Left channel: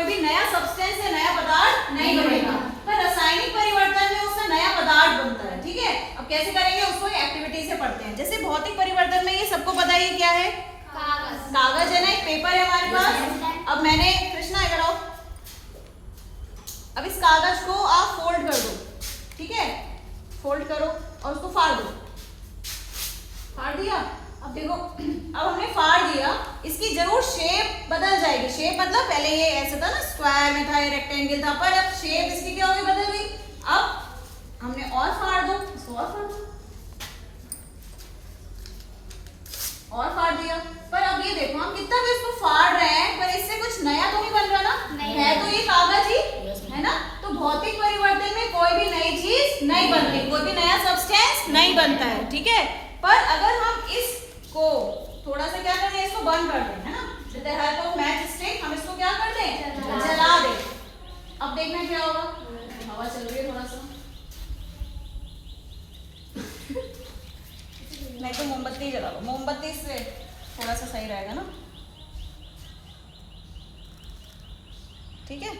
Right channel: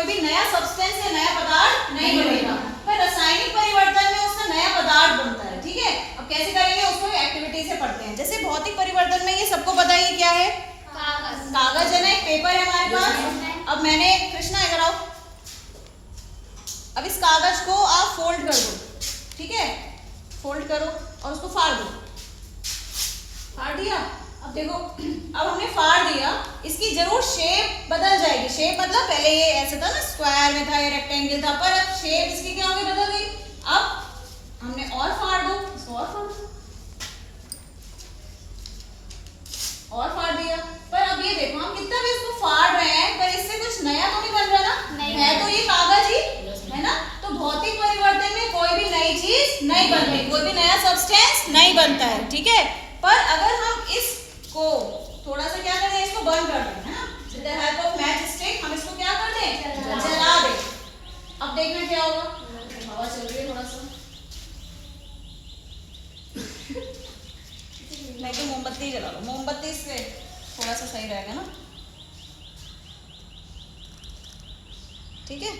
कोई भी नया सब्सटेंस या नया पदार्थ नहीं बनेगा। पर रासायनिक परिवर्तन में उससे नया पदार्थ बनता है। ठीक है, अब कैसे करेंगे उसको एक्टिविटी से पढ़ते हैं। जैसे भौतिक परिवर्तन में ये सबको पता है क्या है, कागज है ना, एक पेपर है हमारे पास। अब मैंने कृष्णा इधर आओ, अब इस कागज को आप फोल्ड कर दो। ठीक है, फोल्ड करो और उसको फाड़ दो। फाड़ दिया, अब देखो अब हमने फाड़ दिया, इसकी जरूर शेप बदल जाएगी। शेप मतलब पहले ये ऐसे था ना, स्क्वायर में था, ये रेक्टेंगल था, पर अब शेप इसकी क्या होगी, बदल गई। अब हमने और फाड़ दो, इसको और फाड़ दो, और फाड़ दिया। पर अब ये देखो हम कितना भी इसको फाड़ रहे हैं पर इससे कुछ नया तो नहीं बन रहा ना, है तो ये कागज ही है ना। तो भौतिक परिवर्तन में कोई भी नई चीज नहीं बनती, कोई भी नया सब्सटेंस नहीं बनता है। ठीक है, पर अगर हम इसको थोड़ा सा क्या करें, इसको बंद कर दें, है ना, with the help of match stick हम इसको क्या कर दें, जला दें। अब देखना क्या होगा, हवा चल रही है थोड़ा सा, नहीं तो मोमबत्ती जला लो, मोमबत्ती से थोड़ा सा सही रहेगा ना। ठीक है,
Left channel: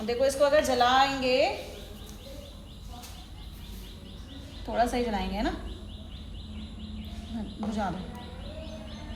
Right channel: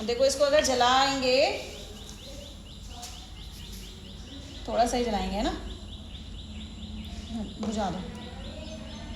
अब देखो इसको अगर जलाएंगे, थोड़ा सा ही जलाएंगे, है ना, बुझा दो।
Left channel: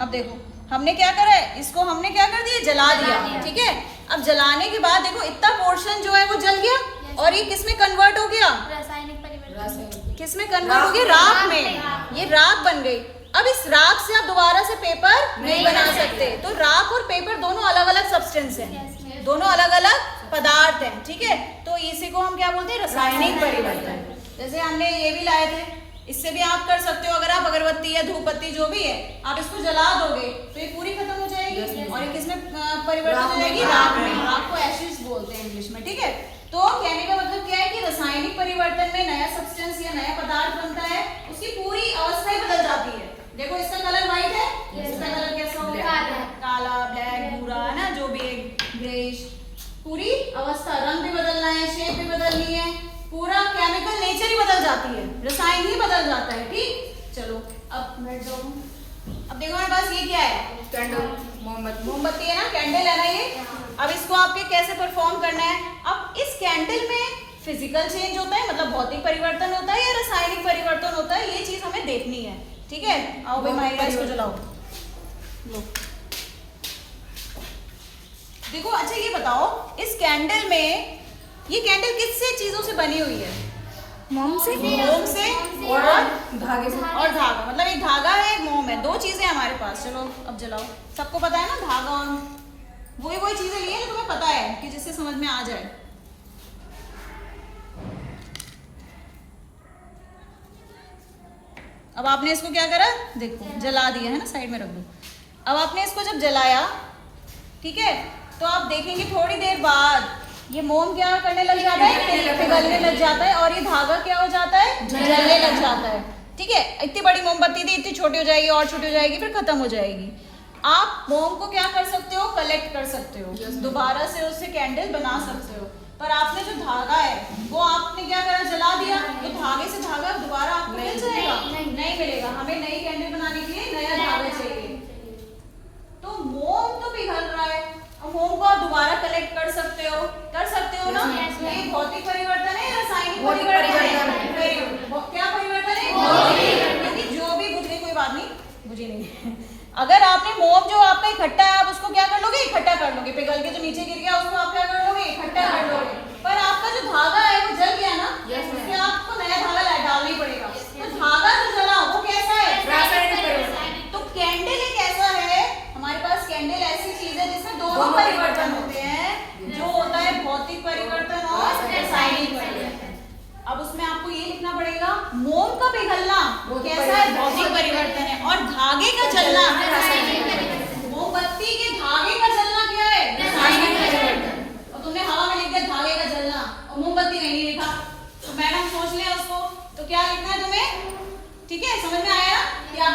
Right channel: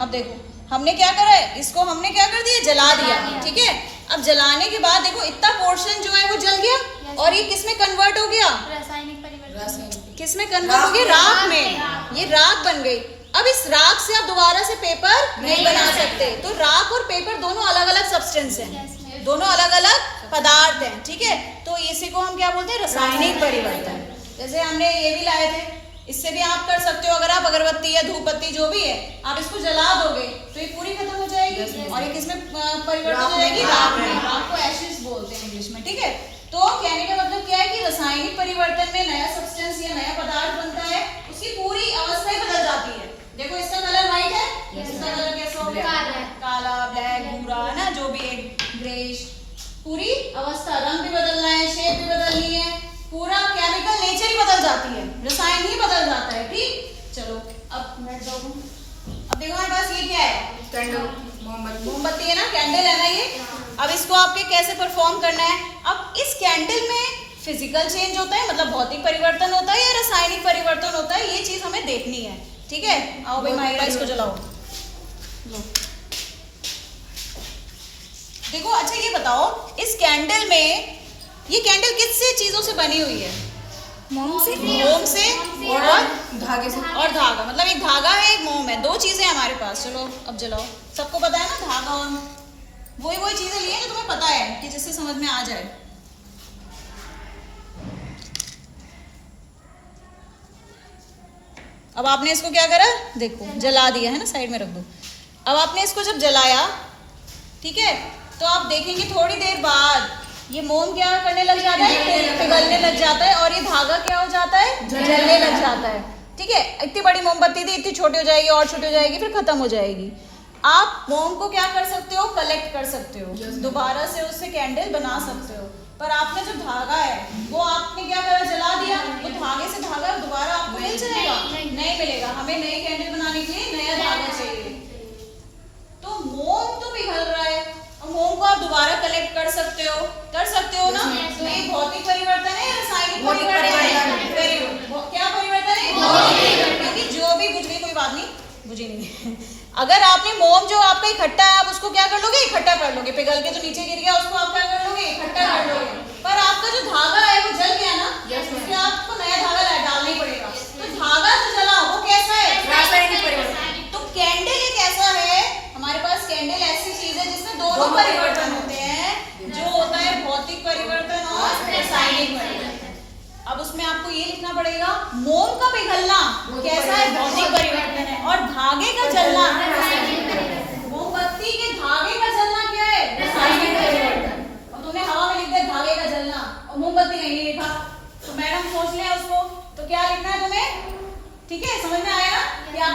अब देखो हमने क्या करा है, इसको हमने क्या कर दिया, जला दिया। ठीक है, अब जलाने के बाद देखो इतना पोर्शन जो है वो जल गया और ये किस में कन्वर्ट हो गया, रासायनिक परिवर्तन। किस में कन्वर्ट हो गया, राख में। ये राख बन गई। अब इस राख से आप दोबारा से पेपर नहीं बना सकते। तो राख और पेपर दोनों अलग अलग सब्सटेंस हैं, दोनों अलग अलग पदार्थ हैं। ठीक है, तो इसी को हम क्या बोलते हैं, रासायनिक परिवर्तन। जैसे हमने ये भी लाए थे, इससे भी आप कर सकते हो। अगर आप अगरबत्ती या धूपबत्ती जो भी है, आप इसको जला दोगे तो ये पूरी खत्म हो जाएगी और ये किसमें परिवर्तन हो जाएगी, राख में। राख को एशिड बोलते हैं इंग्लिश में। ठीक है, तो कहने का मतलब क्या है कि रासायनिक परिवर्तन में नया सब्सटेंस या नया पदार्थ बनता है, उसकी पूरी अवस्था ही बदल जाती है। देखो इसका कलर व्हाइट है, इसका कलर कैसा हो गया, काला, ब्लैक, भूरा, ना जो भी है, ग्रेइश, पूरी अवस्था, रंग भी बदलना है, शेप भी बदलनी है, पूरा केमिकल नेचर ही बदल जाती है, रसायन ही बदल जाता है। ठीक, चलो अब बैठ जाओ तुम। अब देखो मेरे पास ये क्या है, कैंडल, मोमबत्ती है ना, कैंडल है ना ये। अब इसको आपके कैसे परफॉर्म करना है, अब इस कैंडल में फिजिकल चेंज होता है, मतलब भौतिक परिवर्तन होता है या रासायनिक परिवर्तन होता है, ये चीज हमें देखनी है। ठीक है, आओ भाई माहिरा इसको जलाओ। लो देखो, अच्छा ये बताओ इस कैंडल में, ये कैंडल किससे चीजों से बनी हुई है, मोम से, मोम से और धागे से, और धागा, मतलब एक धागा है एक मोम है, दो चीजें हमारे पास। चलो अब जलाओ, सबको पता है ना, धागा और वही चीजें लिए ना, तुम्हें पता है कि जिससे समझ में आ जाए। अब आपने इसको क्या करा, देखो जला दिया है ना, साइड में रख दो। अब आपने इसको जब जलाया, ठीक है, तो आप देखेंगे थोड़ी देर बाद ये मोम क्या करने लग जाता है, पिघलने लग जाता है, और ये धागा क्या हो जाता है, जलने लग जाता है। ठीक है, इतनी बड़ी मोमबत्ती थी, इतनी छोटी हो जाएगी और छोटी हो जाएगी, फिर खत्म हो जाएगी। आप मोम को क्या कर सकते हो, कलेक्ट कर सकते हो, दोबारा से उससे कैंडल बना सकते हो। पर आपने जो धागा है वो आपने क्या करा, जला दिया, तो धागे से धागा दोबारा आपको मिल जाएगा, नहीं मिलेगा। हमें नई कैंडल बनाने के लिए नया धागा चाहिए। तो मोम तो पिघल रहा है और मोम को आप दोबारा कलेक्ट कर सकते हो ना। तो ये भौतिक परिवर्तन है या रासायनिक परिवर्तन है, क्या परिवर्तन है, क्योंकि जो भी बुझ गई, कोई बात नहीं, बुझी नहीं। अगर आपने मोम जो आपका इकट्ठा है, आप उसको क्या कर लोगे, इकट्ठा कर लोगे, पिघल के जो नीचे गिर गया उसको आप क्या कर लोगे, इकट्ठा कर लोगे। पर आपका जो धागा है वो जल गया ना, उसमें आपको नया धागा डालना ही पड़ेगा। तो धागा जो जला वो कैसा है, रासायनिक परिवर्तन। तो कैंडल एक ऐसा है, हमारे पास कैंडल ऐसी चीज है जिसमें दोनों परिवर्तन होते हैं, जो होता है भौतिक परिवर्तन और रासायनिक परिवर्तन। अब उसमें आपको ये लिखना पड़ेगा, मोम का पिघलना वो कैसा है, भौतिक परिवर्तन है, और धागे का जलना, मोमबत्ती के धागे का जलना क्या है, रासायनिक परिवर्तन। और तुमने हवा में लिख दिया धागे का जलना और मोमबत्ती नहीं लिखा, तो मैडम सोच ले उसको, तो क्या लिखना है तुम्हें, ठीक है, समझ में आएगा।